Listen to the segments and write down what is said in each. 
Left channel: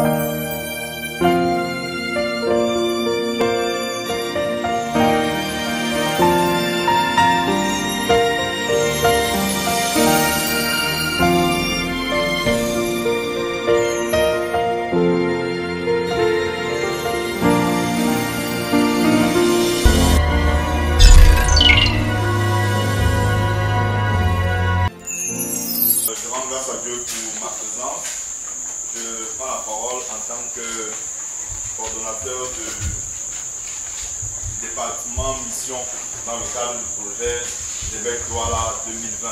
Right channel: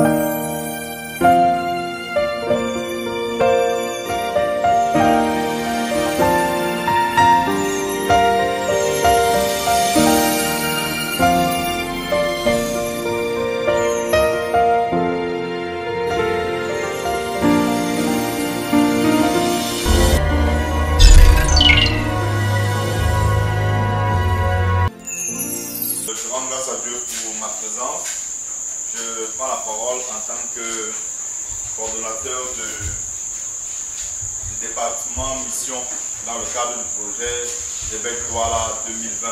Je prends la parole en tant que coordonnateur du département mission dans le cadre du projet Québec Douala 2020.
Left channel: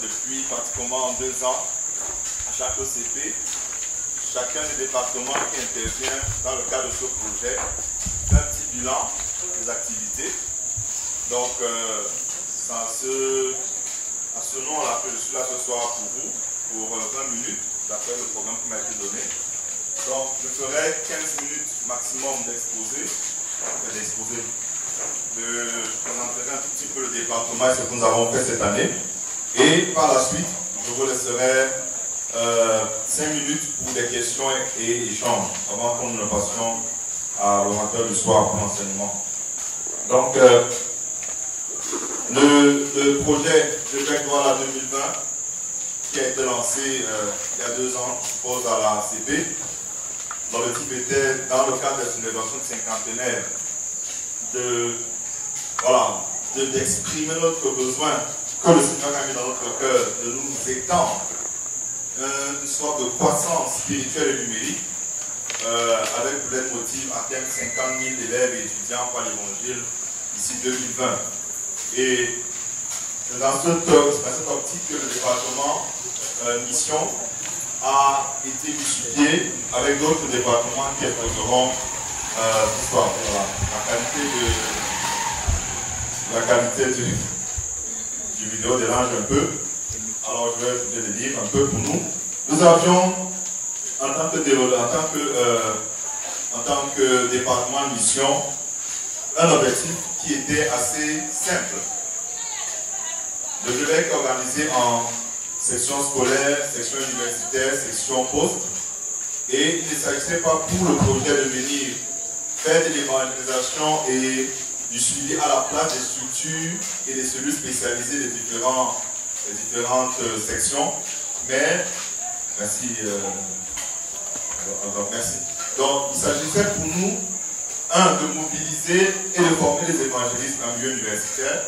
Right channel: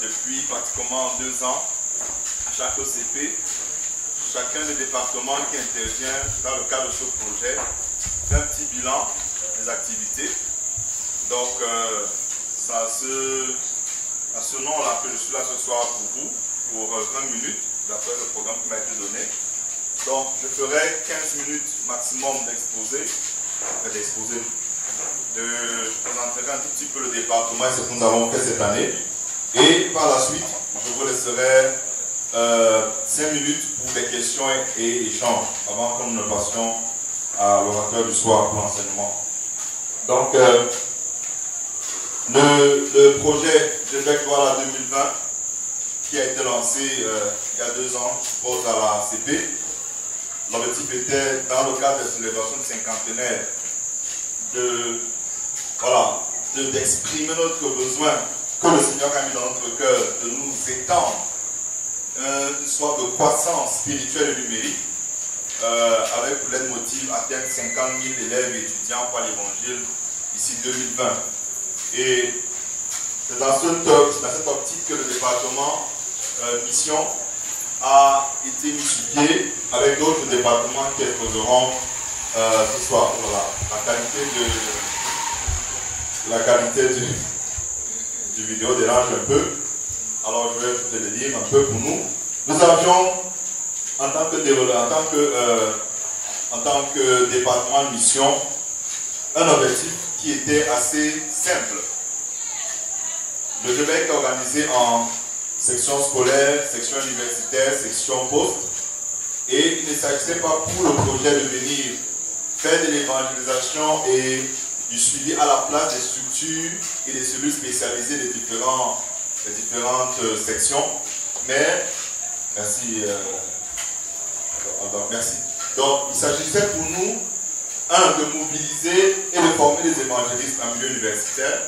Depuis pratiquement 2 ans, à chaque OCP, chacun des départements qui intervient dans le cadre de ce projet fait un petit bilan des activités. Donc, c'est à ce nom-là que je suis là ce soir pour vous, pour 20 minutes, d'après le programme qui m'a été donné. Donc, je ferai 15 minutes maximum d'exposé. Je présenterai un tout petit peu le département et ce que nous avons fait cette année. Et par la suite, je vous laisserai 5 minutes pour des questions et échanges, avant que nous ne passions à l'orateur du soir pour l'enseignement. Donc, le projet Québec Douala 2020, qui a été lancé il y a 2 ans, je suppose, à la ACP. L'objectif était, dans le cadre de célébration du cinquantenaire, d'exprimer notre besoin que le Seigneur a mis dans notre cœur, de nous étendre une sorte de croissance spirituelle et numérique, avec pour leitmotiv atteindre 50 000 élèves et étudiants pour l'évangile d'ici 2020. Et c'est dans cette optique que le département mission a été mis sur pied avec d'autres départements qui interviendront ce soir. Voilà, la qualité du vidéo dérange un peu. Alors je vais peut-être le lire un peu pour nous. Nous avions, en tant que département de mission, un objectif qui était assez simple. Le Québec est organisé en section scolaire, section universitaire, section poste. Et il ne s'agissait pas pour le projet de venir faire de l'évangélisation et du suivi à la place des structures et des cellules spécialisées des différentes sections. Mais, merci. Donc, il s'agissait pour nous, de mobiliser et de former les évangélistes en milieu universitaire.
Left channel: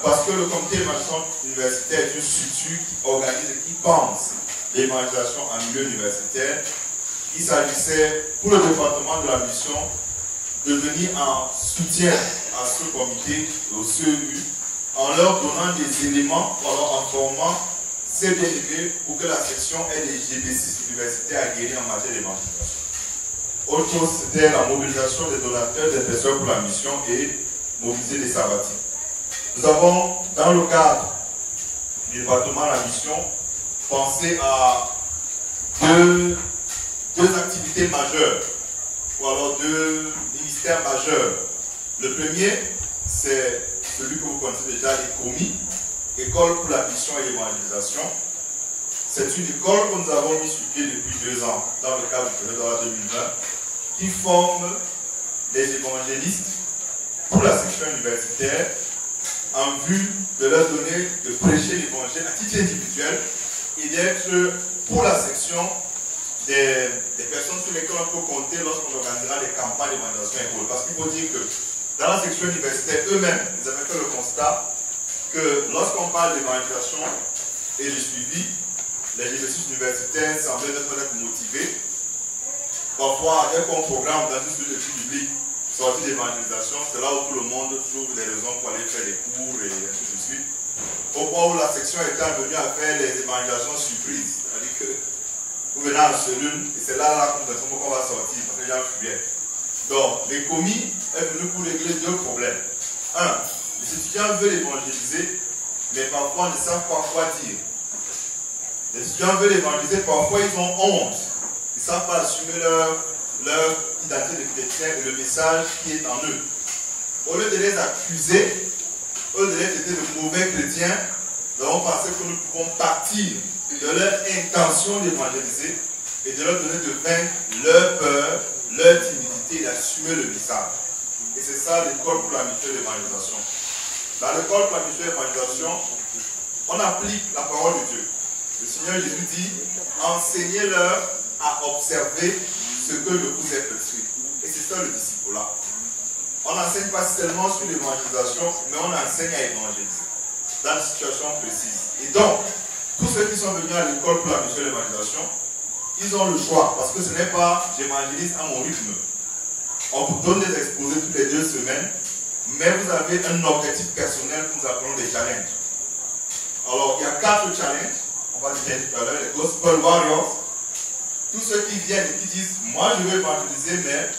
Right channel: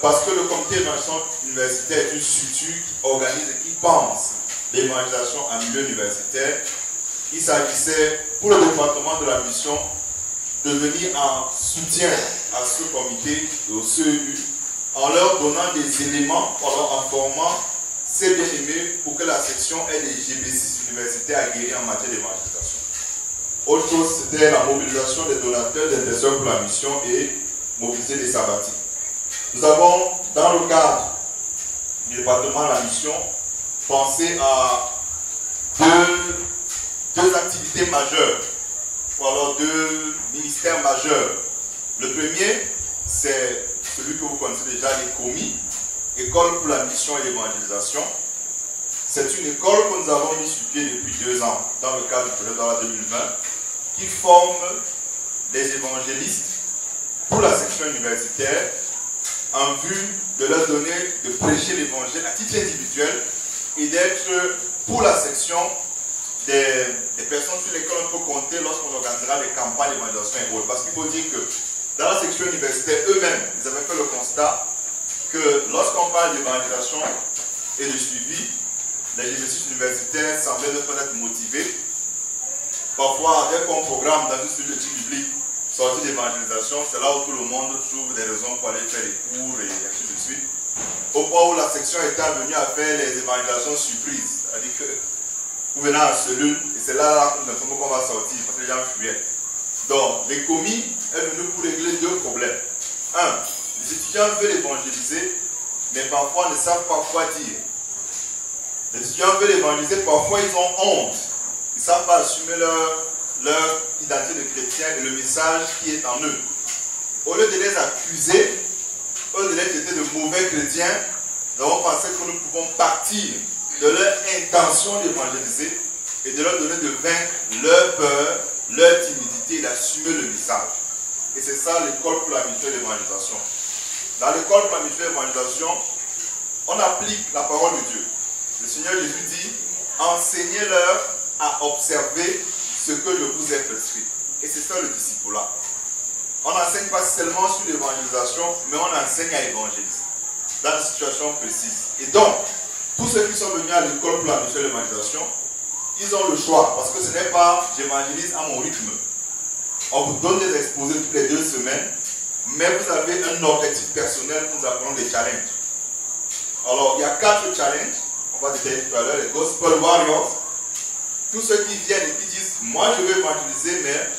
Parce que le comité d'évangélisation universitaire est une structure qui organise et qui pense l'évangélisation en milieu universitaire. Il s'agissait pour le département de la mission de venir en soutien à ce comité, au CEU, en leur donnant des éléments, en leur informant ces bien-aimés pour que la section ait des GB6 universitaires à guérir en matière d'évangélisation. Autre chose, c'était la mobilisation des donateurs, des personnes pour la mission et mobiliser des sabbatiques. Nous avons, dans le cadre du département de la mission, pensé à deux activités majeures, ou alors 2 ministères majeurs. Le premier, c'est celui que vous connaissez déjà, l'ECOMI, École pour la mission et l'évangélisation. C'est une école que nous avons mis sur pied depuis 2 ans, dans le cadre du projet Douala 2020, qui forme des évangélistes pour la section universitaire, en vue de leur donner, de prêcher l'évangile à titre individuel et d'être pour la section des personnes sur lesquelles on peut compter lorsqu'on organisera des campagnes d'évangélisation et autres. Parce qu'il faut dire que dans la section universitaire, eux-mêmes, ils avaient fait le constat que lorsqu'on parle d'évangélisation et de suivi, les exercices universitaires semblaient être motivés. Parfois, dès qu'on programme dans une structure publique sortie d'évangélisation, c'est là où tout le monde trouve des raisons pour aller faire des cours et ainsi de suite. Au point où la section est venue à faire les évangélisations surprises. C'est-à-dire que vous venez en cellule et c'est là qu'on va sortir parce que les gens fuyaient. Donc, l'ECOMI est venu pour régler 2 problèmes. 1, les étudiants veulent évangéliser, mais parfois ne savent pas quoi dire. Les étudiants veulent évangéliser, parfois ils ont honte. Ils ne savent pas assumer leur identité de chrétien et le message qui est en eux. Au lieu de les accuser, au lieu de les traiter de mauvais chrétiens, nous avons pensé que nous pouvons partir de leur intention d'évangéliser et de leur donner de vaincre leur peur, leur timidité et d'assumer le message. Et c'est ça l'école pour la mission d'évangélisation. Dans l'école pour la mission d'évangélisation, on applique la parole de Dieu. Le Seigneur Jésus dit, enseignez-leur à observer ce que je vous ai prescrit. Et c'est ça le disciple-là. On n'enseigne pas seulement sur l'évangélisation, mais on enseigne à évangéliser dans des situations précises. Et donc, tous ceux qui sont venus à l'école pour la mission d'évangélisation, ils ont le choix, parce que ce n'est pas j'évangélise à mon rythme. On vous donne des exposés toutes les 2 semaines, mais vous avez un objectif personnel que nous appelons des challenges. Alors, il y a 4 challenges, on va détailler tout à l'heure, les Gospel Warriors. Tous ceux qui viennent et qui disent, moi je veux évangéliser, mais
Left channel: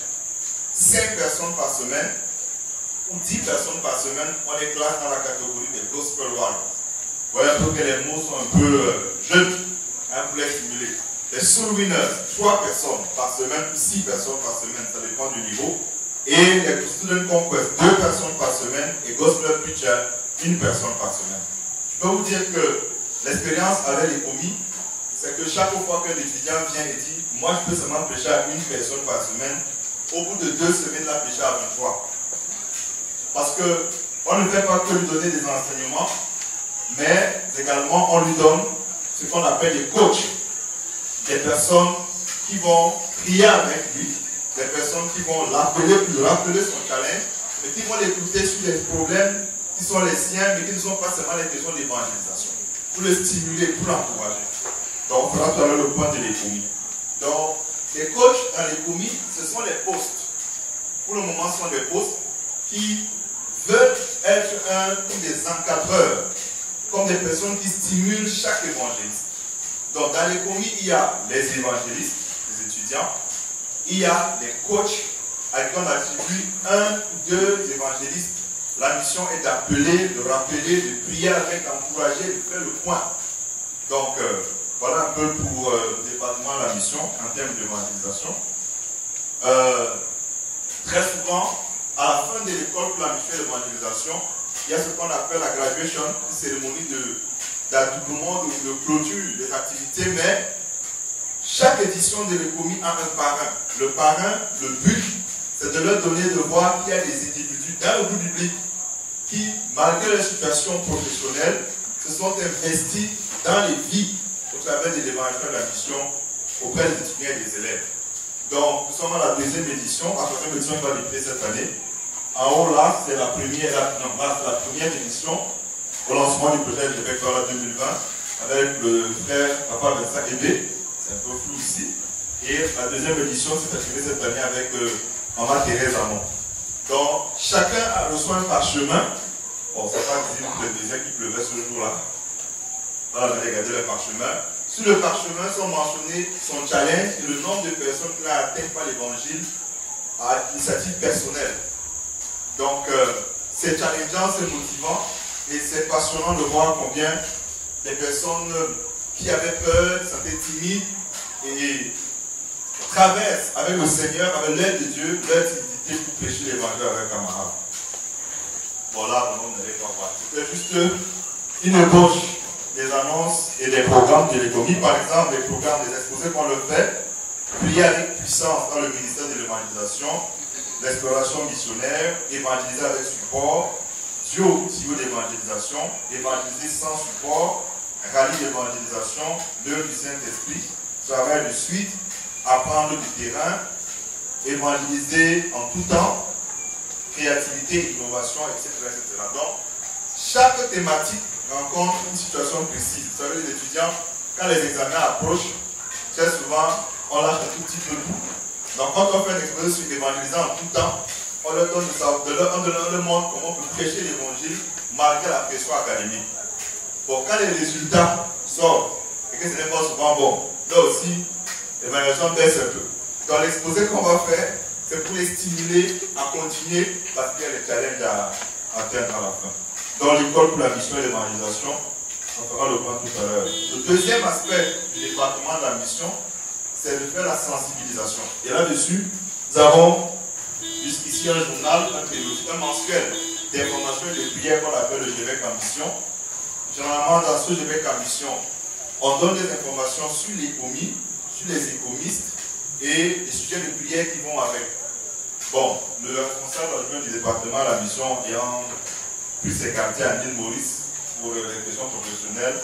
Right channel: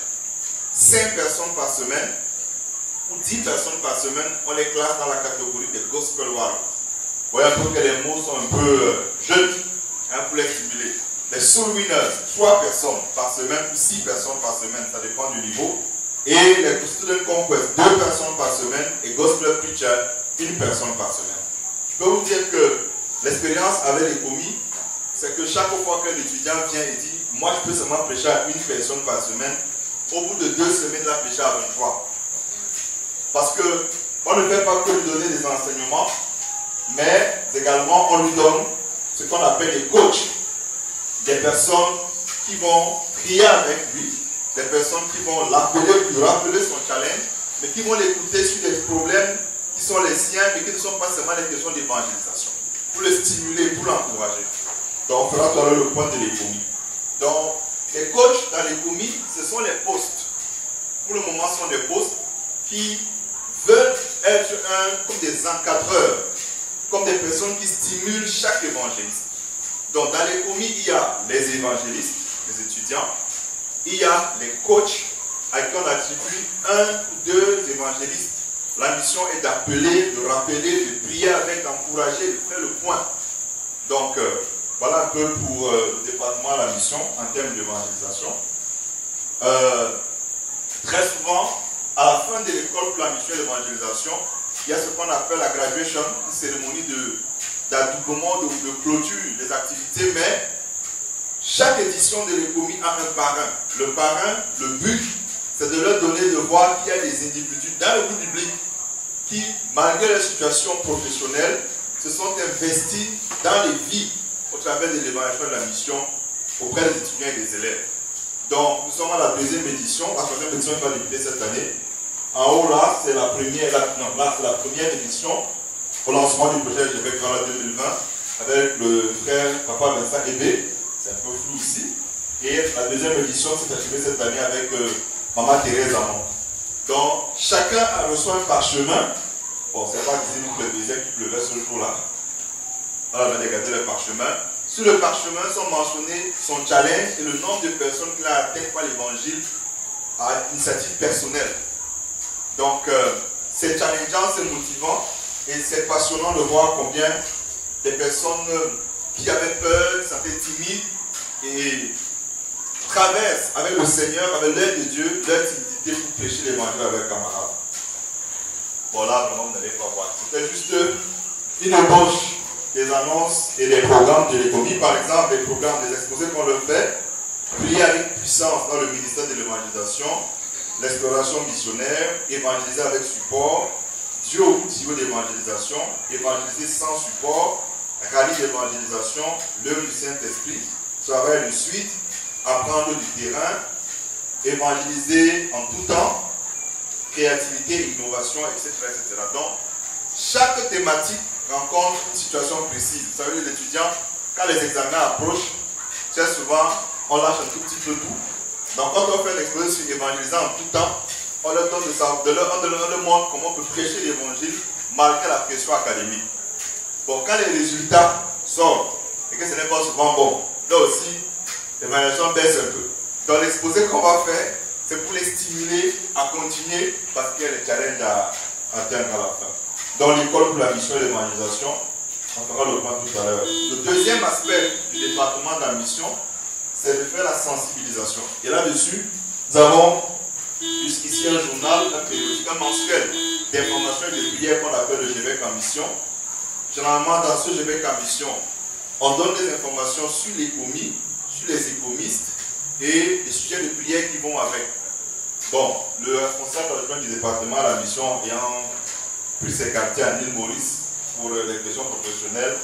5 personnes par semaine, ou 10 personnes par semaine, on les classe dans la catégorie des Gospel Warriors. Vous voyez un peu que les mots sont un peu jeunes, pour les stimuler. Les Soul Winners, 3 personnes par semaine, 6 personnes par semaine, ça dépend du niveau. Et les Student Conquest, 2 personnes par semaine, et Gospel Preacher, 1 personne par semaine. Je peux vous dire que l'expérience avec les commis, c'est que chaque fois que l'étudiant vient et dit, moi je peux seulement prêcher à 1 personne par semaine, au bout de 2 semaines, il a prêché à 23. Parce qu'on ne fait pas que lui donner des enseignements, mais également on lui donne ce qu'on appelle des coachs. Des personnes qui vont prier avec lui, des personnes qui vont l'appeler, lui rappeler son challenge, mais qui vont l'écouter sur des problèmes qui sont les siens, mais qui ne sont pas seulement des questions d'évangélisation, pour le stimuler, pour l'encourager. Donc on fera tout à l'heure le point de l'économie. Donc les coachs dans l'économie, ce sont les postes. Pour le moment, ce sont des postes qui veulent être comme des encadreurs, comme des personnes qui stimulent chaque évangéliste. Donc dans l'économie, il y a les évangélistes, les étudiants, il y a les coachs à qui on attribue 1 ou 2 évangélistes. La mission est d'appeler, de rappeler, de prier avec, d'encourager, de faire le point. Donc voilà un peu pour le département de la mission en termes d'évangélisation. Très souvent, à la fin de l'école pour la mission d'évangélisation, il y a ce qu'on appelle la graduation, une cérémonie d'adoublement, de clôture des activités, mais chaque édition de l'économie a un parrain. Le parrain, le but, c'est de leur donner de voir qu'il y a des individus dans le groupe biblique qui, malgré leur situation professionnelle, se sont investis dans les vies au travers de l'évangélisation de la mission auprès des étudiants et des élèves. Donc, nous sommes à la 2e édition. La 3e édition va débuter cette année. En haut, là, c'est la première édition au lancement du projet GBEC 2020 avec le frère Papa Vincent Ebé. C'est un peu flou ici. Et la 2e édition s'est achevée cette année avec Maman Thérèse Amon. Donc, chacun a reçu un parchemin. Bon, c'est pas que nous prédisions qu'il pleuvait ce jour-là. On a regardé le parchemin. Sur le parchemin sont mentionnés son challenge et le nombre de personnes qu'il a atteint par l'évangile à initiative personnelle. Donc, c'est challengeant, c'est motivant et c'est passionnant de voir combien des personnes qui avaient peur, qui s'étaient timides et traversent avec le Seigneur, avec l'aide de Dieu, leur timidité pour prêcher l'évangile avec camarades. Bon, là, vraiment, vous n'allez pas voir. C'était juste une ébauche des annonces et des programmes de l'économie. Par exemple, les programmes des exposés qu'on le fait, prier avec puissance dans le ministère de l'évangélisation, l'exploration missionnaire, évangéliser avec support, Dieu au tuyau d'évangélisation, évangéliser sans support, rallye d'évangélisation, l'œuvre du Saint-Esprit, travail de suite, apprendre du terrain, évangéliser en tout temps, créativité, innovation, etc., etc. Donc, chaque thématique rencontre une situation précise. Vous savez, les étudiants, quand les examens approchent, très souvent, on lâche un tout petit peu tout. Donc, quand on fait une exposé sur évangéliser en tout temps, on leur donne on leur montre comment on peut prêcher l'évangile malgré la pression académique. Bon, quand les résultats sortent et que ce n'est pas souvent bon, là aussi, l'évaluation baisse un peu. Dans l'exposé qu'on va faire, c'est pour les stimuler à continuer parce qu'il y a des challenges à atteindre à la fin. Dans l'école pour la mission et l'évangélisation, on fera le point tout à l'heure. Le deuxième aspect du département de la mission, c'est de faire la sensibilisation. Et là-dessus, nous avons jusqu'ici un journal, un périodique, un mensuel d'informations et de prières qu'on appelle le GBEC en mission. Généralement, dans ce GBEC en mission, on donne des informations sur l'économie, sur les économistes et les sujets de prière qui vont avec. Bon, le responsable adjoint du département à la mission ayant pris ses quartiers à l'île Maurice pour les questions professionnelles,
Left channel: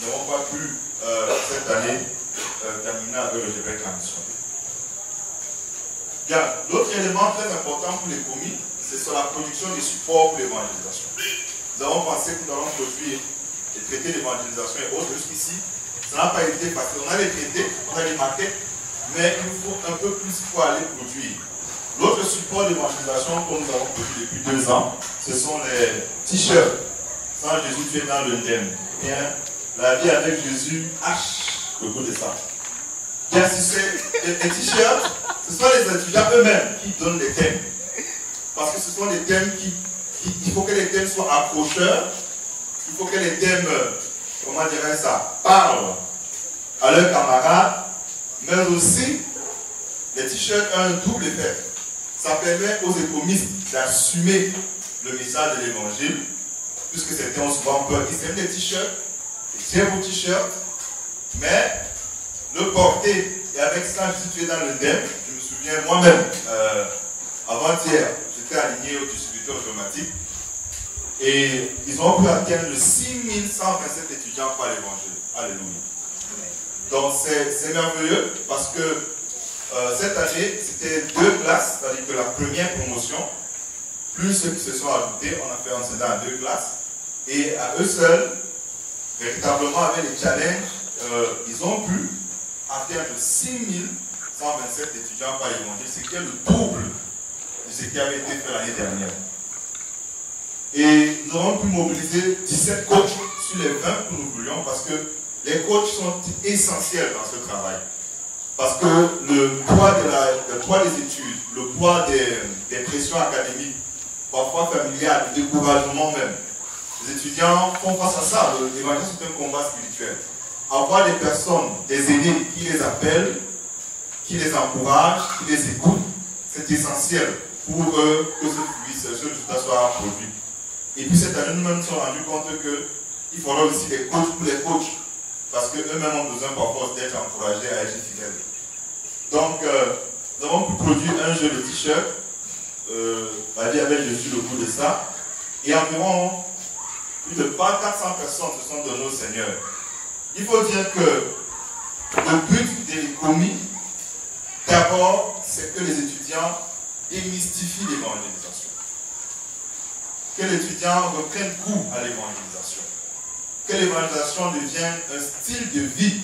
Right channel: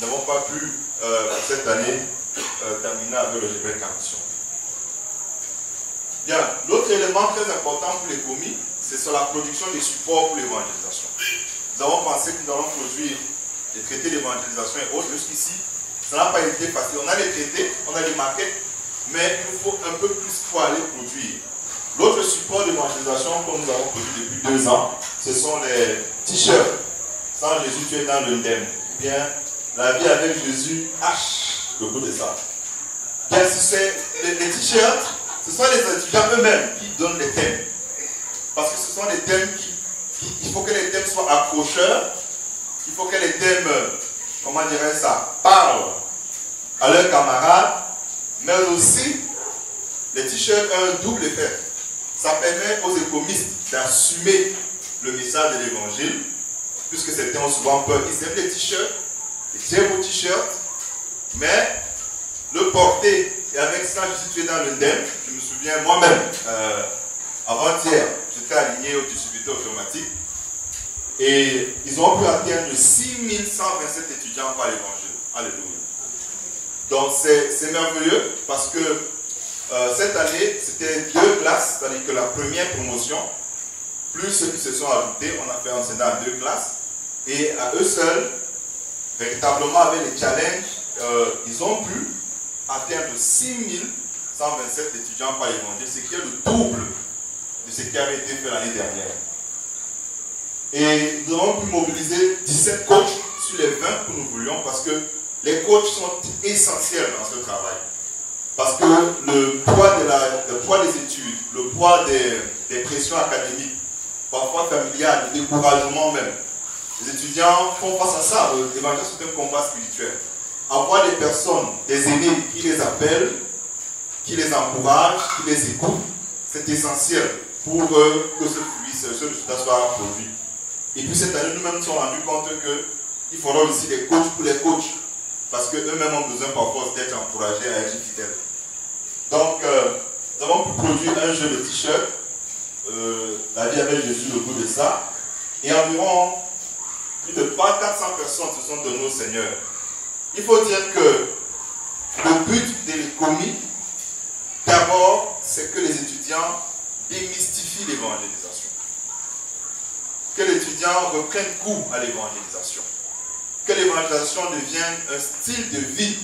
n'avons pas pu cette année terminer avec le GPEC en mission. Bien, l'autre élément très important pour les commis, c'est sur la production des supports pour l'évangélisation. Nous avons pensé que nous allons produire et traiter l'évangélisation et autres. Jusqu'ici, ça n'a pas été facile. On a les traités, on a les maquettes, mais il nous faut un peu plus pour aller produire. L'autre support d'évangélisation que nous avons produit depuis 2 ans, ce sont les t-shirts. Sans Jésus, tu es dans l'indemne. Bien, la vie avec Jésus, le goût de ça. Bien, si c'est les t-shirts, ce sont les étudiants eux-mêmes qui donnent les thèmes. Parce que ce sont des thèmes il faut que les thèmes soient accrocheurs. Il faut que les thèmes, comment dirais-je ça, parlent à leurs camarades. Mais aussi, les t-shirts ont un double effet. Ça permet aux économistes d'assumer le message de l'évangile, puisque certains ont souvent peur. Ils aiment les t-shirts, ils aiment vos t-shirts, mais le porter, et avec ça, je suis tué dans le DEM. Je me souviens moi-même, avant-hier, j'étais aligné au distributeur automatique, et ils ont pu atteindre 6127 étudiants par l'évangile. Alléluia. Donc c'est merveilleux, parce que cette année, c'était 2 classes, c'est-à-dire que la première promotion, plus ceux qui se sont ajoutés, on a fait enseigner à 2 classes, et à eux seuls, véritablement avec les challenges, ils ont pu atteindre 6127 étudiants par l'évangile, ce qui est le double de ce qui avait été fait l'année dernière. Et nous avons pu mobiliser 17 coachs sur les 20 que nous voulions, parce que les coachs sont essentiels dans ce travail. Parce que le poids des études, le poids des pressions académiques, parfois familiales, le découragement même, les étudiants font face à ça. L'évangile, c'est un combat spirituel. Avoir des personnes, des aînés qui les appellent, qui les encouragent, qui les écoutent, c'est essentiel pour que ce résultat soit produit. Et puis cette année, nous-mêmes nous sommes rendus compte qu'il faudra aussi des coachs pour les coachs, parce qu'eux-mêmes ont besoin parfois d'être encouragés à être fidèles. Donc, nous avons pu produire un jeu de t-shirt. La vie avec Jésus, le goût de ça. Et environ plus de 400 personnes se sont données au Seigneur. Il faut dire que le but de l'économie, d'abord, c'est que les étudiants démystifient l'évangélisation. Que les étudiants reprennent goût à l'évangélisation. Que l'évangélisation devienne un style de vie.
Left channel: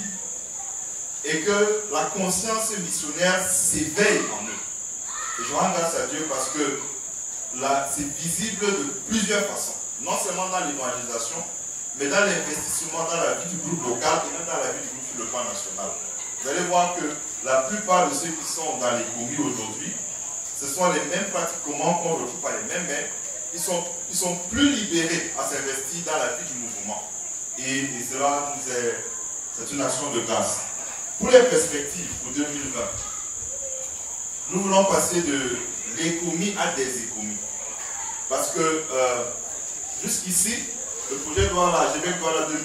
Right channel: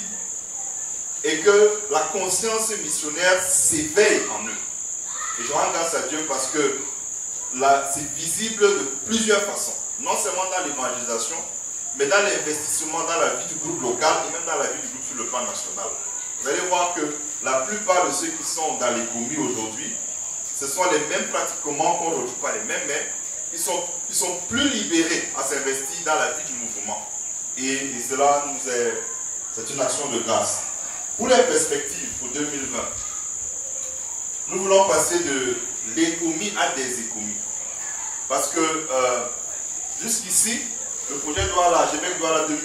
Et que la conscience missionnaire s'éveille en eux. Et je rends grâce à Dieu parce que là, c'est visible de plusieurs façons. Non seulement dans l'évangélisation, mais dans l'investissement dans la vie du groupe local et même dans la vie du groupe sur le plan national. Vous allez voir que la plupart de ceux qui sont dans les communes aujourd'hui, ce sont les mêmes pratiquement qu'on retrouve pas les mêmes, mais ils sont plus libérés à s'investir dans la vie du mouvement. Et cela c'est une action de grâce. Pour les perspectives pour 2020, nous voulons passer de l'économie à des économies. Parce que jusqu'ici, le projet Douala, GPEC Douala 2020,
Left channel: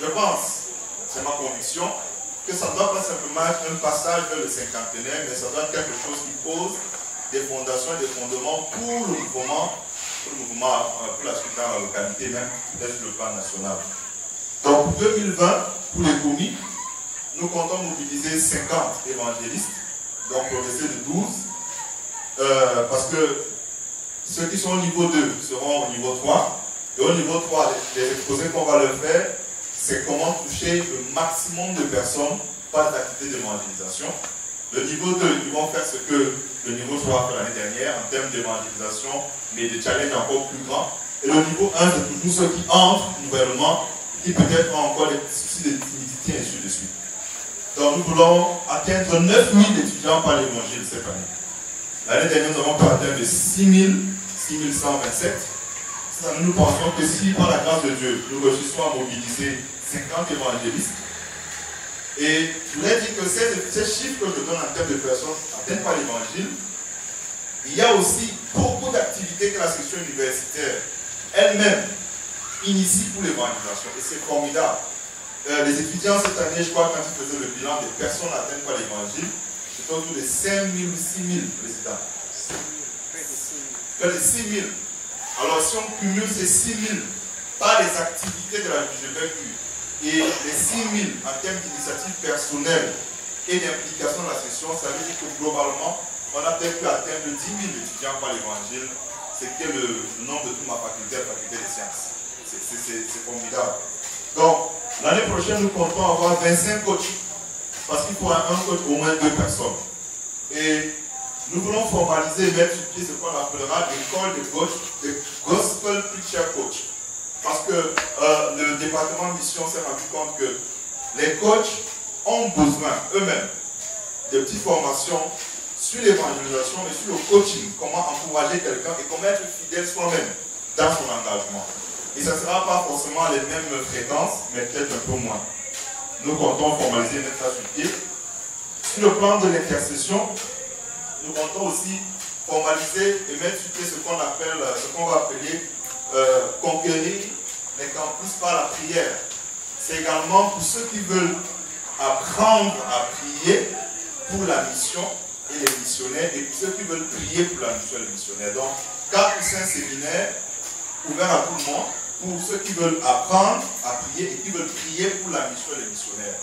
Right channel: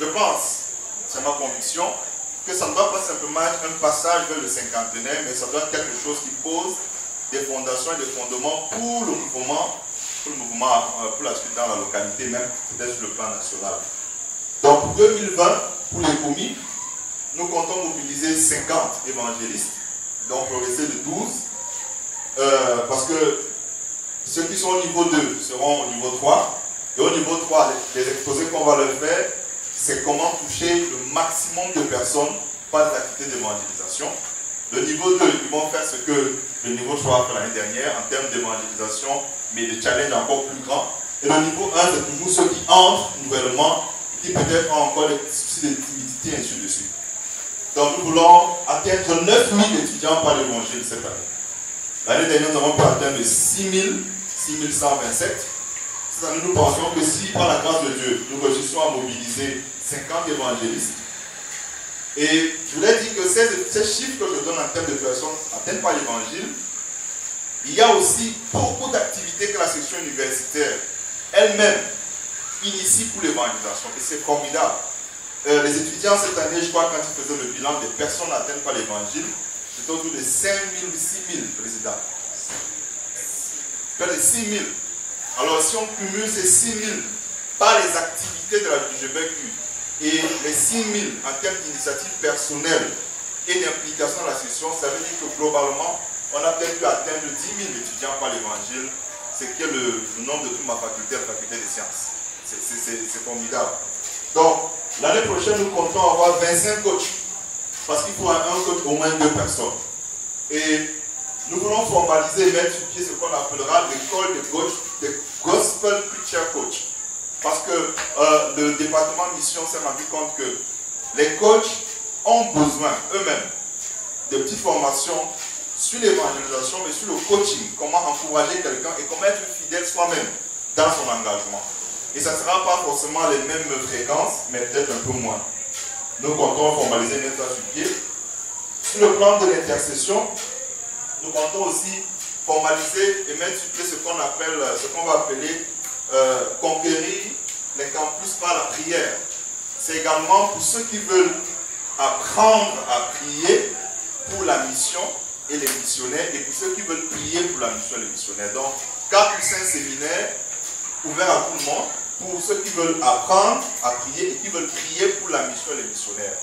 je pense, c'est ma conviction, que ça ne doit pas simplement être un passage vers le cinquantenaire, mais ça doit être quelque chose qui pose des fondations et des fondements pour le mouvement, pour la suite dans la localité, même peut-être sur le plan national. Donc pour 2020, pour les commis, nous comptons mobiliser 50 évangélistes, donc progresser de 12, parce que ceux qui sont au niveau 2 seront au niveau 3, et au niveau 3, les exposés qu'on va leur faire, c'est comment toucher le maximum de personnes par des activités d'évangélisation. Le niveau 2, ils vont faire ce que le niveau 3 a fait l'année dernière en termes d'évangélisation, mais de challenge encore plus grand. Et le niveau 1, c'est toujours ceux qui entrent nouvellement, qui peut-être ont encore des soucis de timidité, et ainsi de suite. Donc nous voulons atteindre 9000 étudiants par l'évangile cette année. L'année dernière, nous avons pas atteint de 6127. Cette année, nous pensons que si, par la grâce de Dieu, nous réussissons à mobiliser 50 évangélistes, et je voulais dire que ces chiffres que je donne en termes de personnes atteintes par l'évangile, il y a aussi beaucoup d'activités que la section universitaire elle-même initie pour l'évangélisation. Et c'est formidable. Les étudiants cette année, je crois, quand ils faisaient le bilan des personnes atteintes par l'évangile, c'était autour de 5 000 ou 6 000 présidents. Près de 6 000. Alors si on cumule ces 6 000 par les activités de la JGBQ et les 6 000 en termes d'initiatives personnelles et d'implication dans la session, ça veut dire que globalement, on a peut-être pu atteindre 10 000 étudiants par l'évangile, ce qui est le nombre de toute ma faculté, la faculté des sciences. C'est formidable. Donc, l'année prochaine, nous comptons avoir 25 coachs. Parce qu'il faut un coach au moins 2 personnes. Et nous voulons formaliser et mettre sur pied ce qu'on appellera l'école de coach, de Gospel Preacher Coach. Parce que le département mission s'est rendu compte que les coachs ont besoin eux-mêmes de petites formations sur l'évangélisation et sur le coaching, comment encourager quelqu'un et comment être fidèle soi-même dans son engagement. Et ça ne sera pas forcément les mêmes fréquences, mais peut-être un peu moins. Nous comptons formaliser une étape sur pied. Sur le plan de l'intercession, nous comptons aussi formaliser et mettre sur pied ce qu'on va appeler conquérir les campus par la prière. C'est également pour ceux qui veulent apprendre à prier pour la mission et les missionnaires, et pour ceux qui veulent prier pour la mission et les missionnaires. Donc, 4 ou 5 séminaires ouverts à tout le monde, pour ceux qui veulent apprendre à prier et qui veulent prier pour la mission et les missionnaires.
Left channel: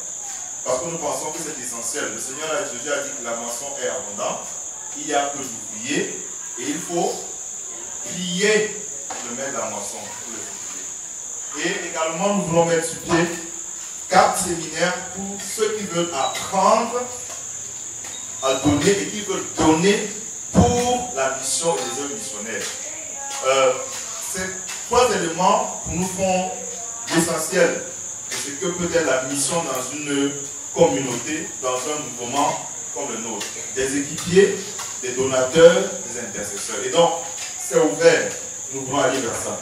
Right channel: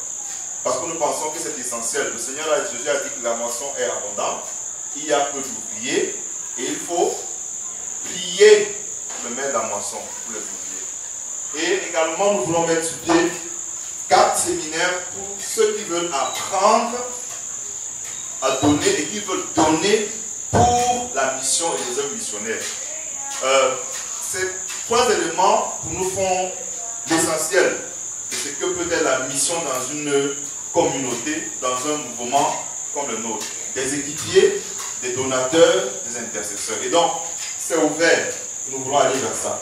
Parce que nous pensons que c'est essentiel. Le Seigneur Jésus a dit que la moisson est abondante, il y a peu d'ouvriers, et il faut prier le maître de la moisson pour les ouvriers. Et également, nous voulons mettre sur pied 4 séminaires pour ceux qui veulent apprendre à donner et qui veulent donner pour la mission et les œuvres missionnaires. Ces 3 éléments nous font l'essentiel de ce que peut être la mission dans une communauté, dans un mouvement comme le nôtre. Des équipiers, des donateurs, des intercesseurs. Et donc, c'est ouvert. Nous voulons aller vers ça.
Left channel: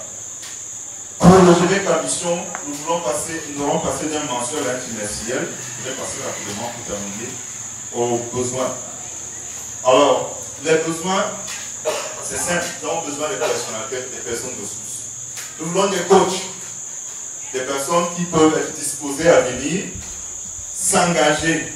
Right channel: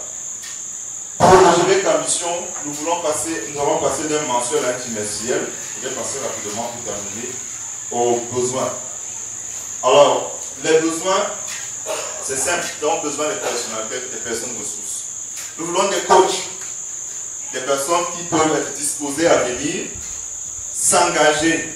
Pour le gérer comme mission, nous allons passer d'un mensuel à un trimestriel. Je vais passer rapidement pour terminer aux besoins. Alors, les besoins, c'est simple. Nous avons besoin des personnalités, des personnes ressources. Nous voulons des coachs, des personnes qui peuvent être disposées à venir, s'engager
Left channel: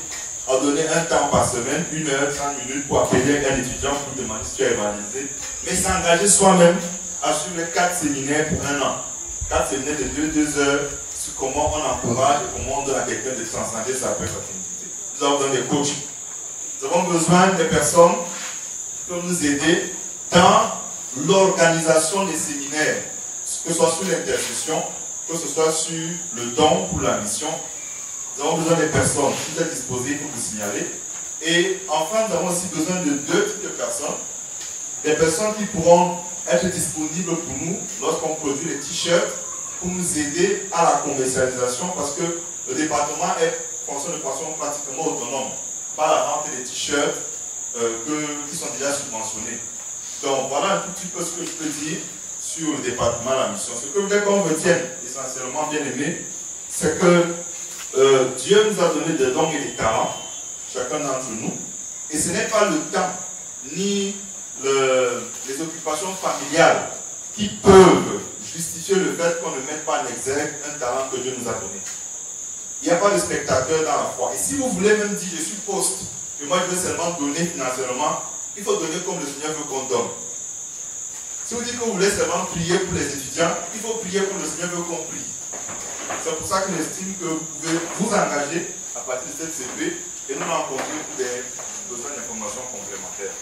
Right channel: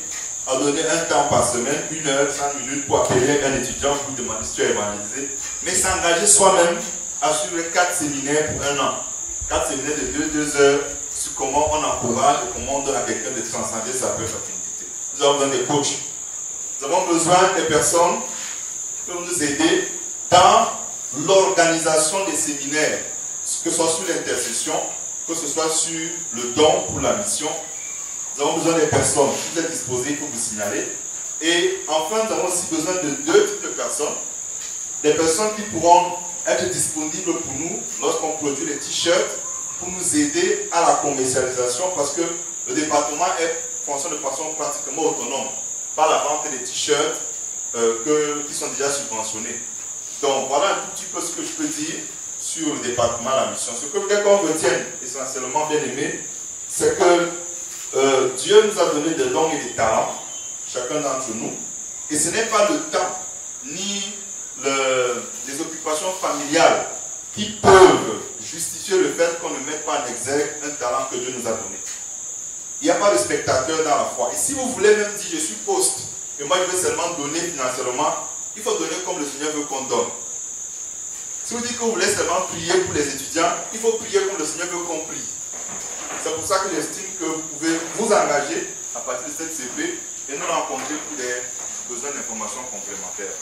à donner un temps par semaine, 1 heure, 5 minutes pour appeler un étudiant pour demander si tu es évangélisé, mais s'engager soi-même à suivre les 4 séminaires pour 1 an. 4 séminaires de 2 heures sur comment on encourage et comment on donne à quelqu'un de transcender sa propre affinité. Nous avons besoin des coachs. Nous avons besoin des personnes qui peuvent nous aider dans l'organisation des séminaires, que ce soit sur l'intercession, que ce soit sur le don pour la mission. Nous avons besoin des personnes qui sont disposées pour vous signaler. Et enfin, nous avons aussi besoin de 2 types de personnes. Des personnes qui pourront être disponibles pour nous lorsqu'on produit les t-shirts pour nous aider à la commercialisation parce que le département fonctionne de façon pratiquement autonome par la vente des t-shirts qui sont déjà subventionnés. Donc voilà un tout petit peu ce que je peux dire sur le département de la mission. Ce que je voudrais qu'on retienne essentiellement, bien aimé, c'est que Dieu nous a donné des dons et des talents, chacun d'entre nous, et ce n'est pas le temps ni les occupations familiales qui peuvent justifier le fait qu'on ne mette pas en exergue un talent que Dieu nous a donné. Il n'y a pas de spectateur dans la foi. Et si vous voulez même dire, je suis poste, et moi je veux seulement donner financièrement, il faut donner comme le Seigneur veut qu'on donne. Si vous dites que vous voulez seulement prier pour les étudiants, il faut prier comme le Seigneur veut qu'on prie. C'est pour ça que j'estime que vous pouvez vous engager à partir de cette CP et nous rencontrer pour des besoins d'informations complémentaires.